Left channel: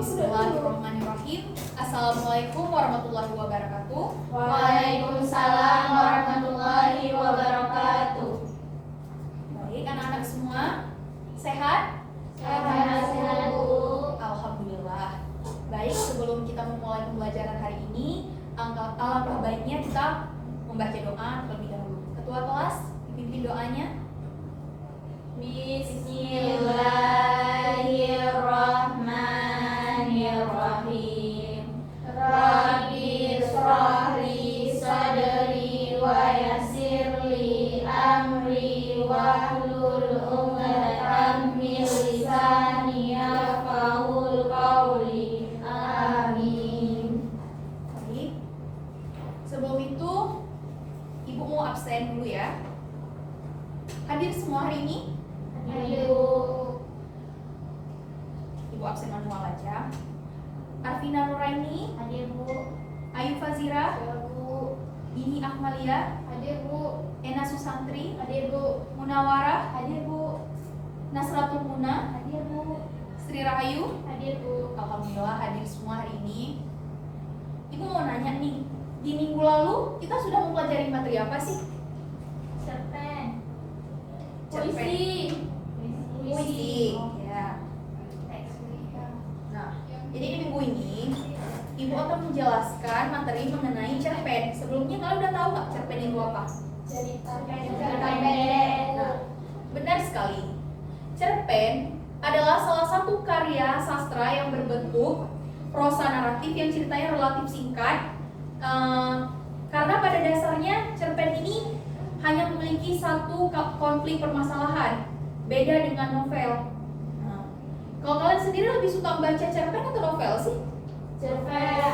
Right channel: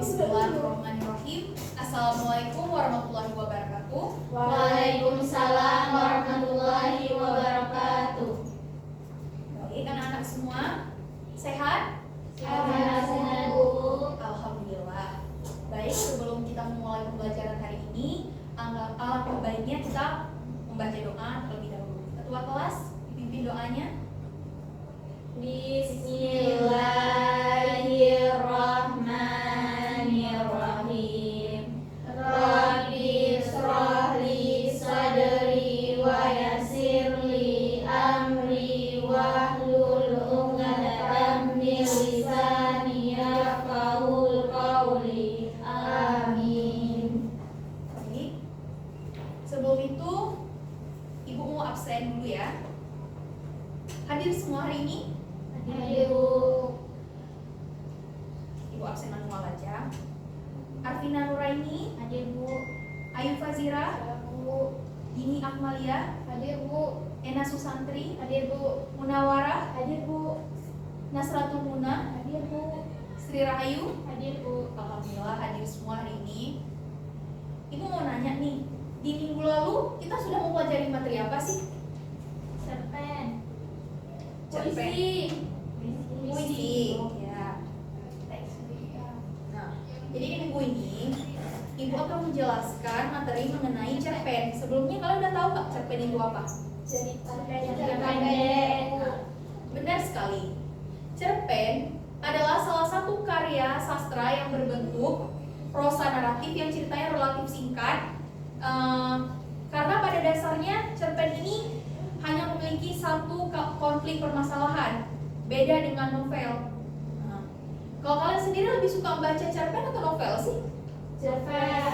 Bismillahirrahmanirrahim. Assalamualaikum warahmatullahi wabarakatuh. Waalaikumsalam warahmatullahi wabarakatuh. Baik, anak-anak semua sehat? Sehat, Bu. Alhamdulillah. Baik, sebelum kita memulai pembelajaran hari ini, alangkah baiknya kita membaca doa terlebih dahulu. Ketua kelas, dipimpin doanya. Bismillahirrahmanirrahim. Rabbi shrah li sadri wa yassir li amri wahlul 'uqdatam min lisani yafqahul qawli. Amin. Baik. Sebelum itu, Ibu mau absen dulu ya. Hadir semua hari ini? Hadir, Bu. Ibu absen manual aja. Arvina Nuraini, Hadir, Bu. Ayu Fazira, Hadir, Bu. Dini Akmalia, Hadir, Bu. Ena Susantri, Hadir, Bu. Munawarah, Hadir, Bu. Nasratul Muna, Hadir, Bu. Sri Rahayu. Hadir, Bu. Alhamdulillah hadir semua hari ini. Ibu mau nanya nih, di minggu lalu kita sudah mempelajari materi apa sih? Cerpen. Cerpen. Puisi. Ya. Teks mereka. Nah, jadi di minggu ini Ibu akan menjelaskan materi mengenai cerpen. Sebelumnya kalian udah tahu nggak cerpen itu apa? Cerita pendek. Nah, benar sekali. Cerpen adalah salah satu karya sastra yang berbentuk prosa naratif yang ceritanya relatif singkat. Karena pada dasarnya cerpen ini hanya memiliki satu konflik permasalahan, beda dengan novel. Nah, kalau kalian sendiri lebih suka membaca cerpen atau novel sih? Novel.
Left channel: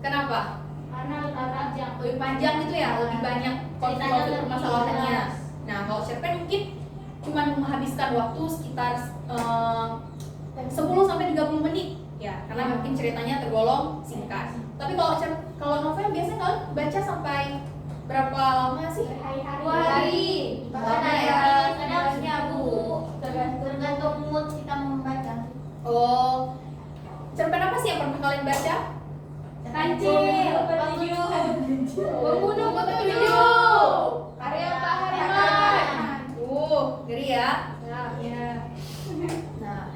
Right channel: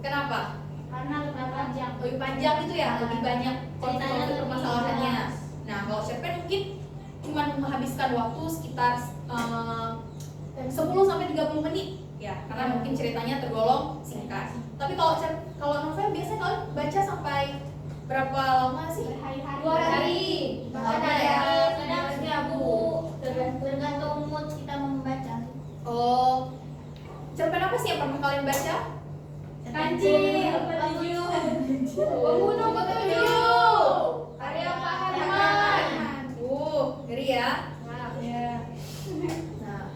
Kenapa? Karena lebih panjang. Lebih panjang gitu ya, lebih banyak konflik permasalahannya. Nah, kalau cerpen mungkin cuma menghabiskan waktu sekitar 10 sampai 30 menit ya, karena mungkin ceritanya tergolong singkat. Tapi kalau novel biasanya kalian baca sampai berapa lama sih? 2 hari. Lama ya. Kadang Bu. Tergantung mood kita membaca. Oh, cerpen apa sih yang pernah kalian baca? Kancil Petunjuk. Pembunuh Petunjuk. Karya Pak Hariman. Ngeri ya. Nah,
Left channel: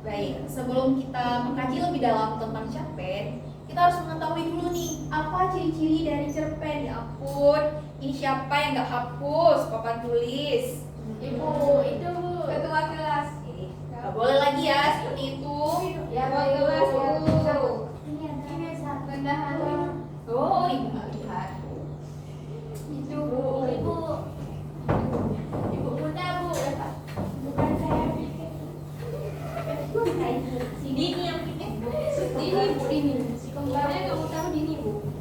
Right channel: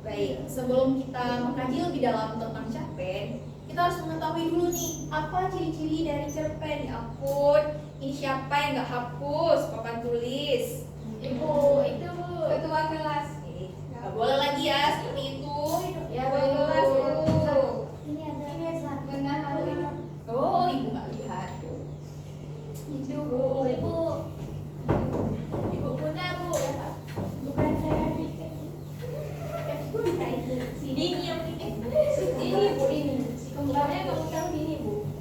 baik. Sebelum kita mengkaji lebih dalam tentang cerpen, kita harus mengetahui dulu nih apa ciri-ciri dari cerpen. Ya ampun, ini siapa yang nggak hapus papan tulis? Ibu, itu Ketua kelas. Nggak boleh lagi ya seperti itu. ya Bu. Oh, ibu nggak lihat. Ibu Bunda, Bu, ya Pak. Bukan saya bikin. Si Dini yang bikin, Bu. Dini. Si kembarnya nggak utang Dini, Bu.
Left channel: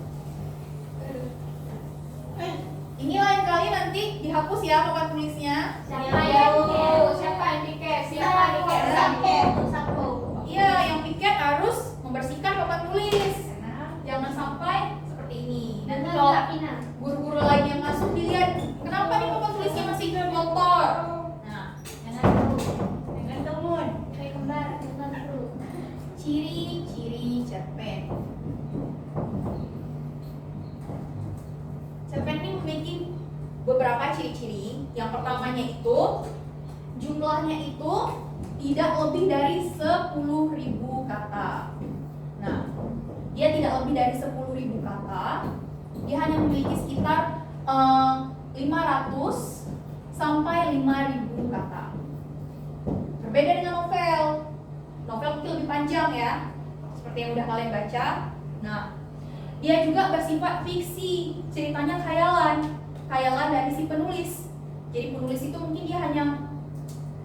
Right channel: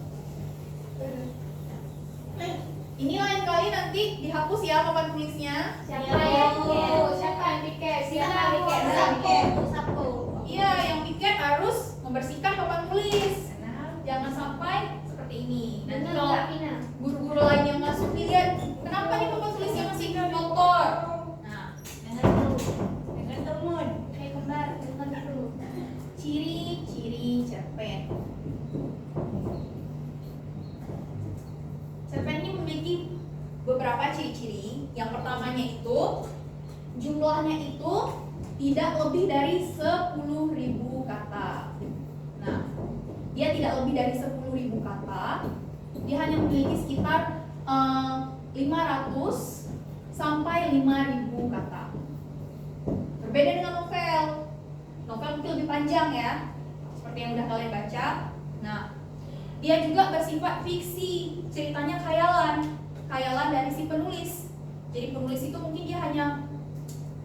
Ini lain kali nanti dihapus ya papan tulisnya. Siapa yang piket? Sapu. Iya, yang piket harus membersihkan papan tulis. Jangan sampai seperti ini. Nanti kalau guru-guru lain yang masuk dilihat, kenapa nih papan tulisnya masih kotor? Nah, Dengan temun. Kayak kembar dulu. ciri-ciri cerpen. Cerpen ini memiliki beberapa ciri-ciri. Yang pertamanya itu jumlahnya itu tidak lebih dari 10.000 kata. Nah, dia tidak lebih dari 10.000 kata. Dia hanya memiliki sekitar 500 sampai 5.000 kata. Berbeda dengan novel. Novel mungkin lebih panjang ya, seperti yang udah kalian baca. Nah, dia juga bersifat fiksi, ceritanya khayalan dari si penulis. Jadi penulis itu mungkin dia hanya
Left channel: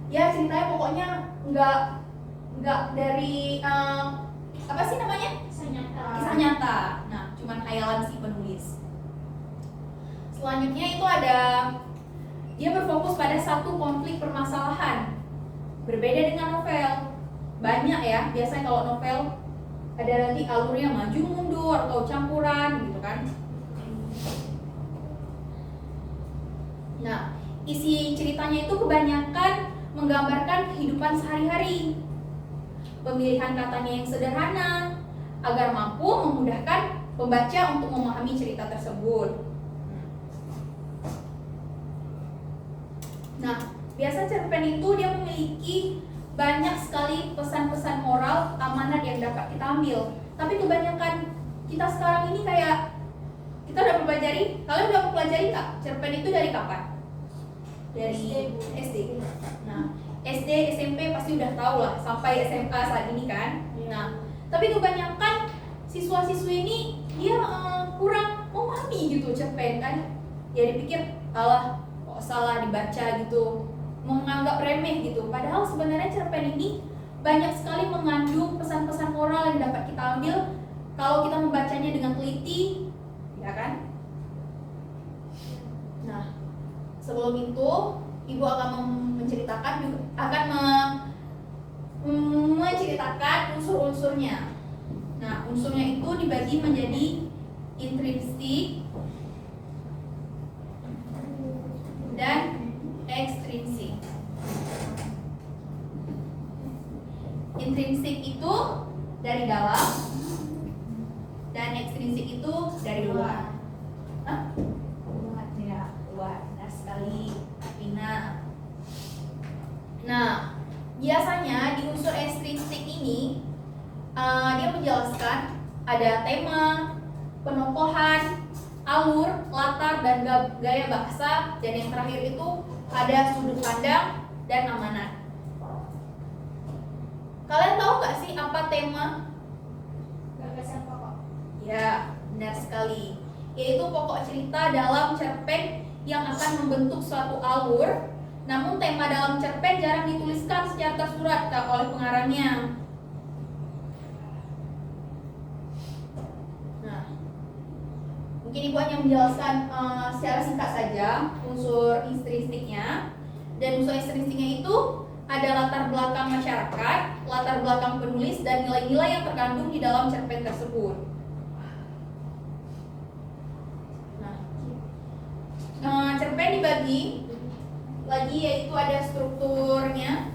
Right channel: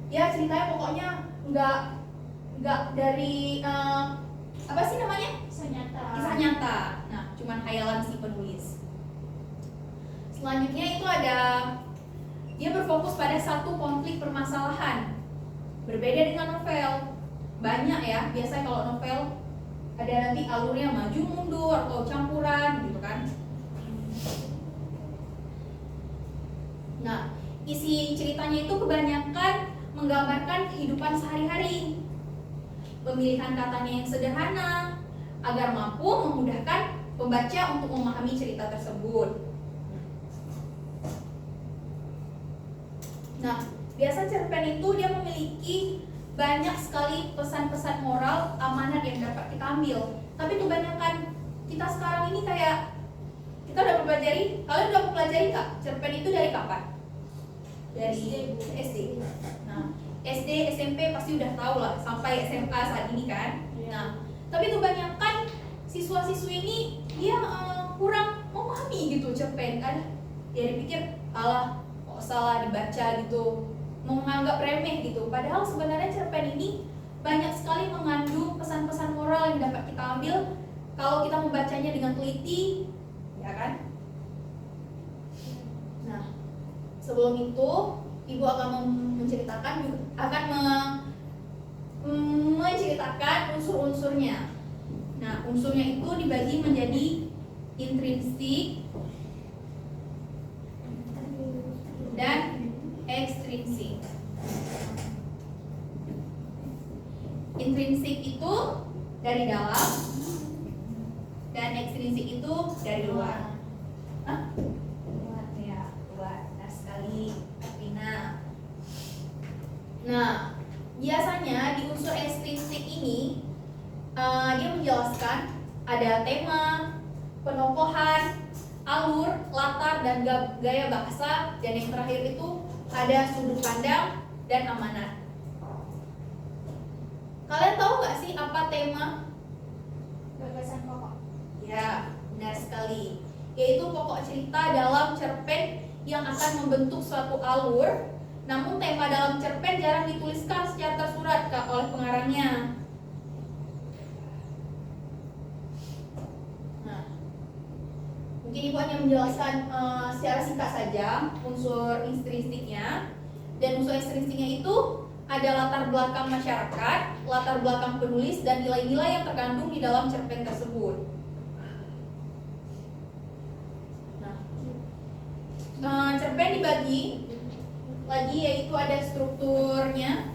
ya ceritanya pokoknya nggak dari apa sih namanya? Kisah nyata. Nah, cuman khayalan si penulis. Selanjutnya itu ada dia berfokus pada satu konflik permasalahan. Berbeda dengan novel. Banyak ya, biasanya kalau novel ada nanti alurnya maju mundur atau campuran gitu kan. Nah, isi ceritanya itu kebanyakan menggambarkan kehidupan sehari-hari. pemilihan katanya yang sederhana, agar mampu memudahkan pembaca untuk memahami cerita tersebut. Nah, biasa cerpen itu dia memiliki banyak sekali pesan-pesan moral amanat yang dapat kita ambil. Tapi kebanyakan kita sekarang ini kayak kita udah mempelajari, kalian udah mempelajari nggak cerpen itu dari kapan? Dari SD. Nah, SD, SMP pasti udah tahu lah, sampai SMA saat ini kan. Nah, tapi kebanyakan siswa-siswi ini dia kurang memahami gitu cerpen kan. Ya dipikir, alah kok salah dibaca gitu, menganggap remeh gitu. Padahal sebenarnya cerpen ini banyak sekali mengandung pesan-pesan moral yang dapat kita ambil kalau kita membacanya dengan teliti, ya kan? Nah, sebelum itu Ibu akan menceritakan juga akan menceritakan unsur-unsurnya. Nah, unsurnya itu dibagi menjadi intrinsik dan ekstrinsik. Intrinsik itu dari dalam dan ekstrinsik itu dari luar. Hah? Ya, luar. Benar sekali, Vina. Nah, biasanya di unsur ekstrinsik ini dia menjelaskan ada tema, penokohan, alur, latar, dan gaya bahasa, dan yang terakhir itu ada sudut pandang dan amanat. Kalian tahu nggak sih apa tema? Gagasan pokok. Ya, benar sekali. Yaitu pokok cerita dalam cerpen yang akan membentuk suatu alur. Namun tema dalam cerpen jarang dituliskan secara tersurat oleh pengarangnya. Nah, mungkin Ibu hanya menjelaskan secara singkat saja unsur intrinsiknya. Dan unsur ekstrinsiknya itu ada latar belakang masyarakat, latar belakang penulis, dan nilai-nilai yang terkandung di dalam cerpen tersebut. Nah, cerpen dibagi lagi, yaitu ada strukturnya,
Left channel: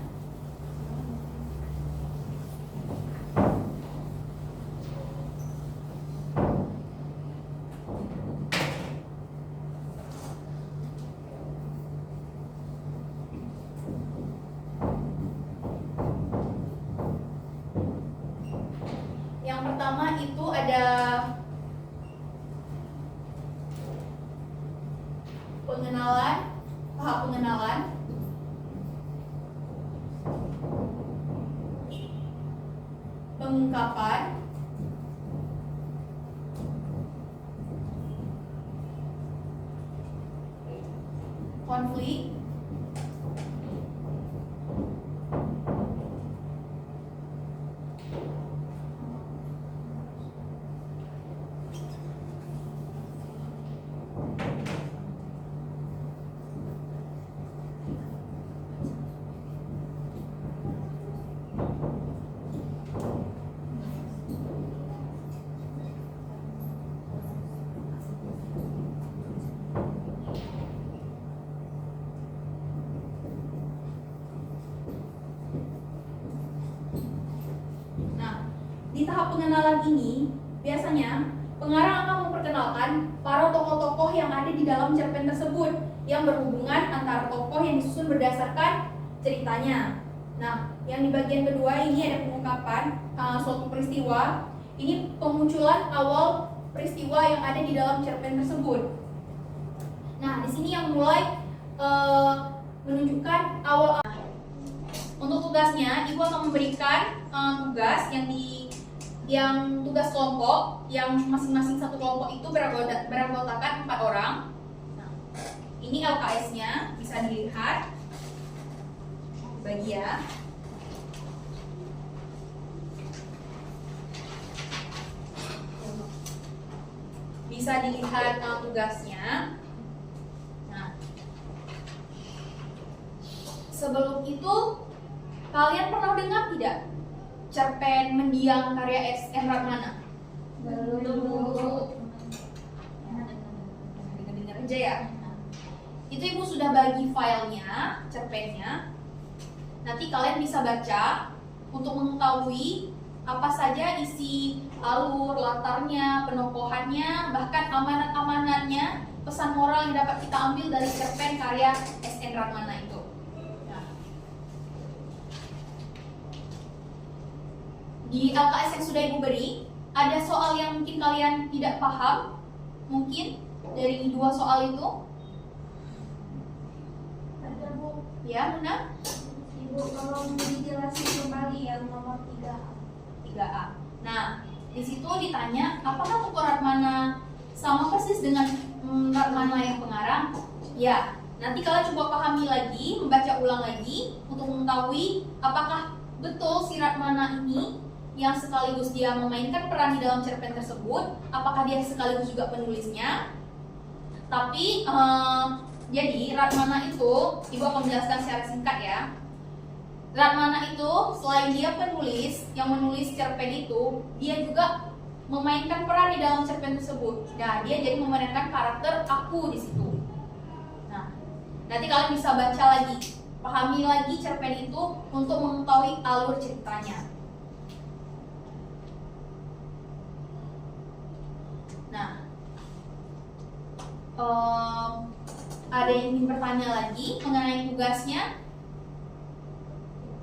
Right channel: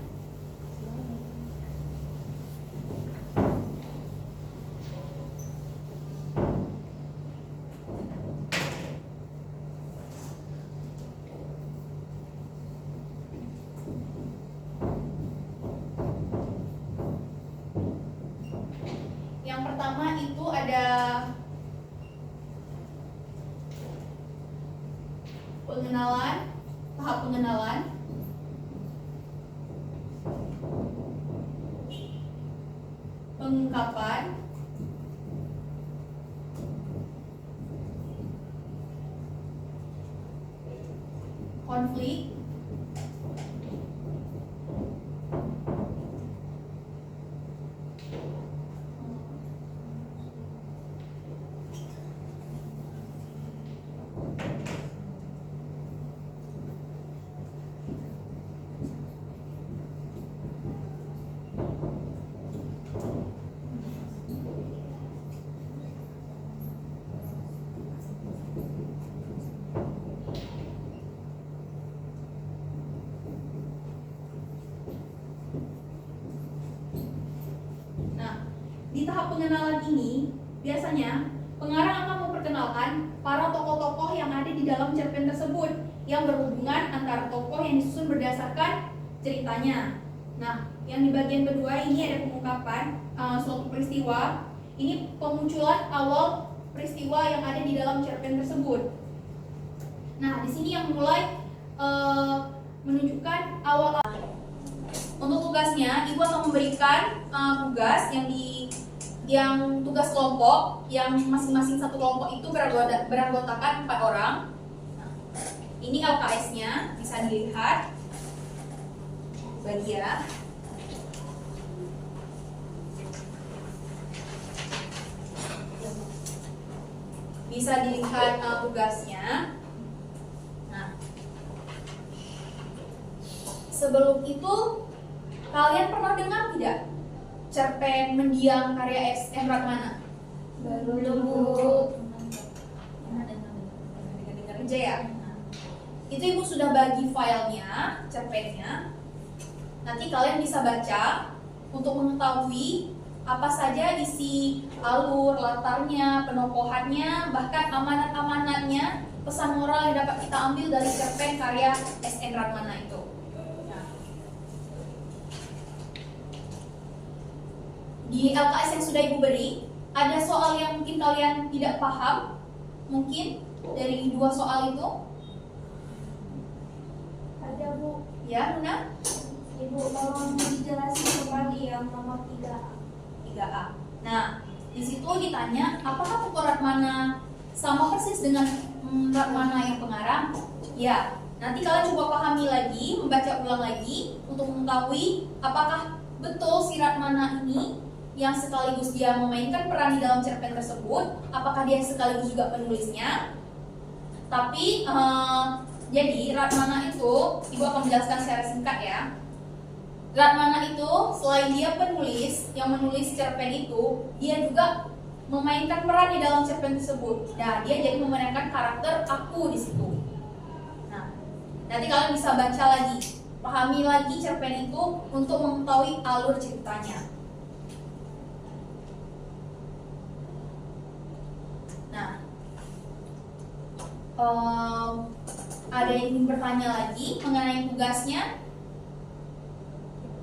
yang pertama itu ada pengenalan, tahap pengenalan, pengungkapan, konflik, di tahap pengenalan ini, biasanya pengarang akan memperkenalkan para tokoh-tokoh yang ada di dalam cerpen tersebut yang berhubungan antara tokoh yang disusun berdasarkan ceritanya. Nah, yang di bagian kedua ini ada pengungkapan suatu peristiwa. Ini pemunculan awal peristiwa yang ada di dalam cerpen tersebut. Nah, di sini yang mulai menunjukkan awal. Untuk tugasnya, Ibu akan memberikan tugas yang tugas kelompok, yang masing-masing satu kelompok itu beranggotakan 4 orang. Nah, ini LKS-nya bisa dilihat bagian. Bisa dilihat tugasnya. Nah, sebelum itu kalian pernah dengar tidak cerpen Mendiang karya S.M. Ragnana? Baru dulu. Dengar aja ya. Itu Ibu sudah bagi filenya, cerpennya. Nanti kalian bisa baca untuk mengetahui apa saja isi alur, latarnya, penokohannya, bahkan amanat-amanatnya, pesan moral yang dapat kita ambil dari cerpen karya S.N. Ratmana itu. Nah, di LKS yang sudah Ibu beri, ada soal yang mungkin kalian tidak paham, mungkin dari 2 soal itu. Ada Bu. Ya, Luna? Ibu tolong dijelasin kembali yang nomor 3A. 3A. Nah, di situ ditanya, apakah tokoh Ratmana sama persis dengan Ratmana yang pengarang? Ya, nanti kalian coba pahami lagi, membaca ulang lagi untuk mengetahui apakah betul si Ratmana ini yang sekaligus dia memainkan peran di dalam cerpen tersebut, apakah dia sekaligus juga penulisnya. Tapi jadi Ratmana itu, Ibu akan menjelaskan secara singkat ya. Ratmana itu selain dia penulis yang menulis cerpen itu, dia juga memainkan peran di dalam cerpen tersebut. Nah, dia jadi memainkan karakter aku di situ. Nah, nanti kalian bisa baca lagi, pahami lagi cerpen itu untuk mengetahui alur ceritanya. Nah, ada yang ingin bertanya lagi mengenai tugasnya?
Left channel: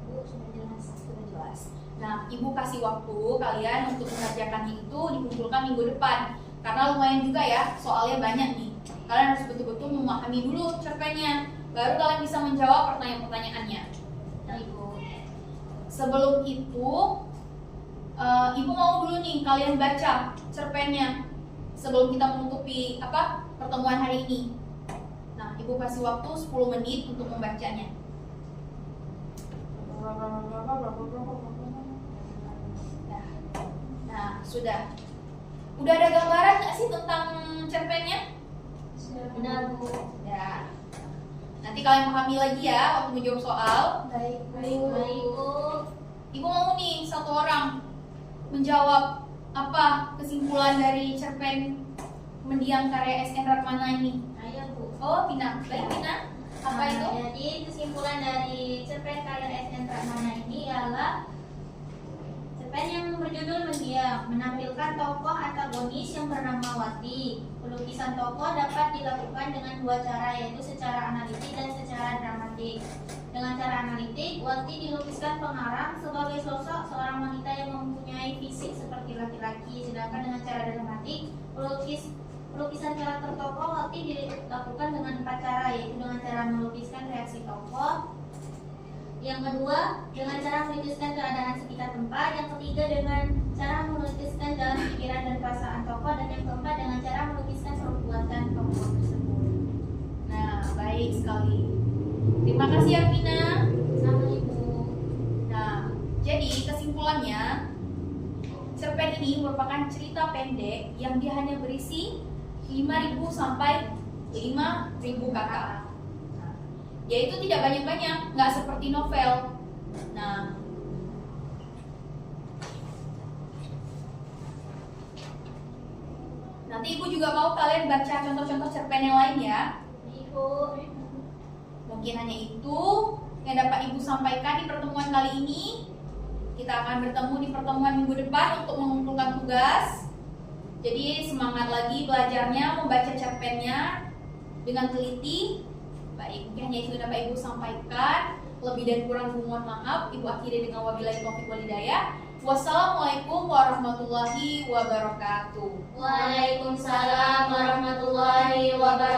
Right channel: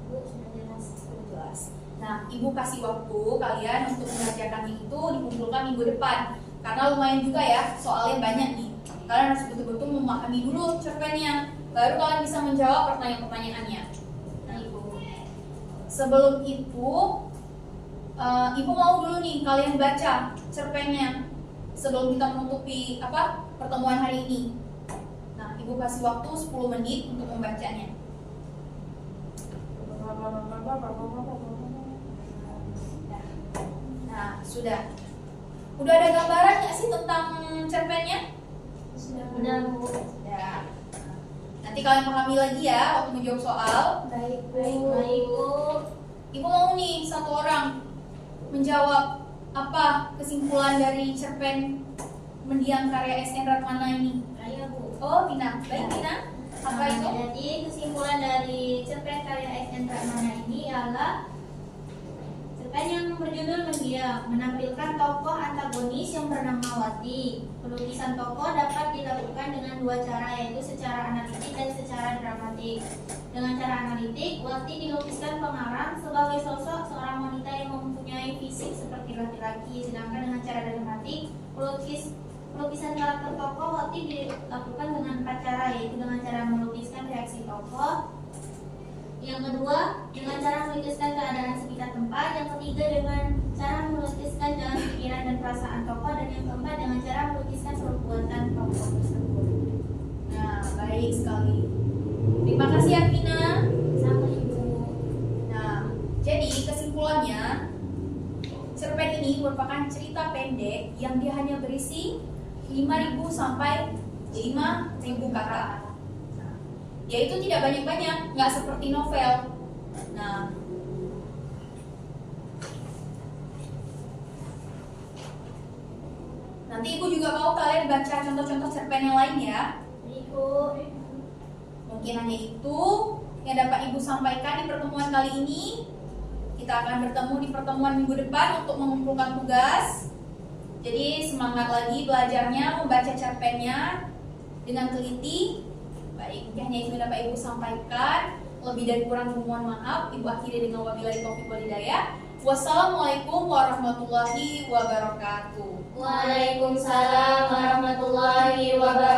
Sudah jelas. Nah, Ibu kasih waktu kalian untuk mengerjakannya itu dikumpulkan minggu depan. Karena lumayan juga ya, soalnya banyak nih. Kalian harus betul-betul memahami dulu cerpennya, baru kalian bisa menjawab pertanyaan-pertanyaannya. Nah, Ibu, sebelum itu, Ibu mau dulu nih kalian baca cerpennya sebelum kita menutupi pertemuan hari ini. Nah, Ibu kasih waktu 10 menit untuk membacanya. Nah, sudah. Udah ada gambaran nggak sih tentang cerpennya? Sudah Bu. Ya. Nanti kalian pahami lagi ya waktu menjawab soal. Baik Bu. Ibu mau nih satu orang menjawab apa kesimpulan dari cerpen mendiang karya S.N. Ratmana ini. Ayo Bu. Oh, Tina. Baik, Tina. Apa itu? Jadi kesimpulan dari cerpen karya S.N. Ratmana ini ialah cerpen yang berjudul Mendiang menampilkan tokoh antagonis yang bernama Wati. Pelukisan tokoh dapat dilakukan dengan 2 cara, yaitu secara analitik dan secara dramatik. Dengan cara analitik, Wati dilukiskan pengarang sebagai sosok seorang wanita yang mempunyai fisik seperti laki-laki, sedangkan dengan cara dramatik, pelukisan karakter tokoh Wati dilakukan dengan 4 cara, yaitu dengan cara melukiskan reaksi tokoh, yang kedua dengan cara melukiskan keadaan sekitar tempat, yang ketiga dengan cara melukiskan dalam pikiran dan perasaan tokoh, dan yang keempat dengan cara melukiskan perbuatan tokoh tersebut. Nah, baik sekali. Terima kasih ya, Tina. Sama Ibu. Nah, jadi kesimpulannya, cerpen ini merupakan cerita pendek yang dia hanya berisi 5.000 sampai 5.000 kata. Nah, dia itu tidak banyak-banyak, nggak seperti novel. Nah, nanti Ibu juga mau kalian baca contoh-contoh cerpen yang lain ya. Ibu. Mungkin hanya itu yang dapat Ibu sampaikan di pertemuan kali ini. Kita akan bertemu di pertemuan minggu depan untuk mengumpulkan tugas. Jadi semangat lagi belajarnya, membaca cerpennya dengan teliti. Baik, mungkin hanya itu yang dapat Ibu sampaikan. Lebih dan kurang mohon maaf. Ibu akhiri dengan wabillahi taufiq wal hidayah. Wassalamualaikum warahmatullahi wabarakatuh. Waalaikumsalam warahmatullahi wabarakatuh.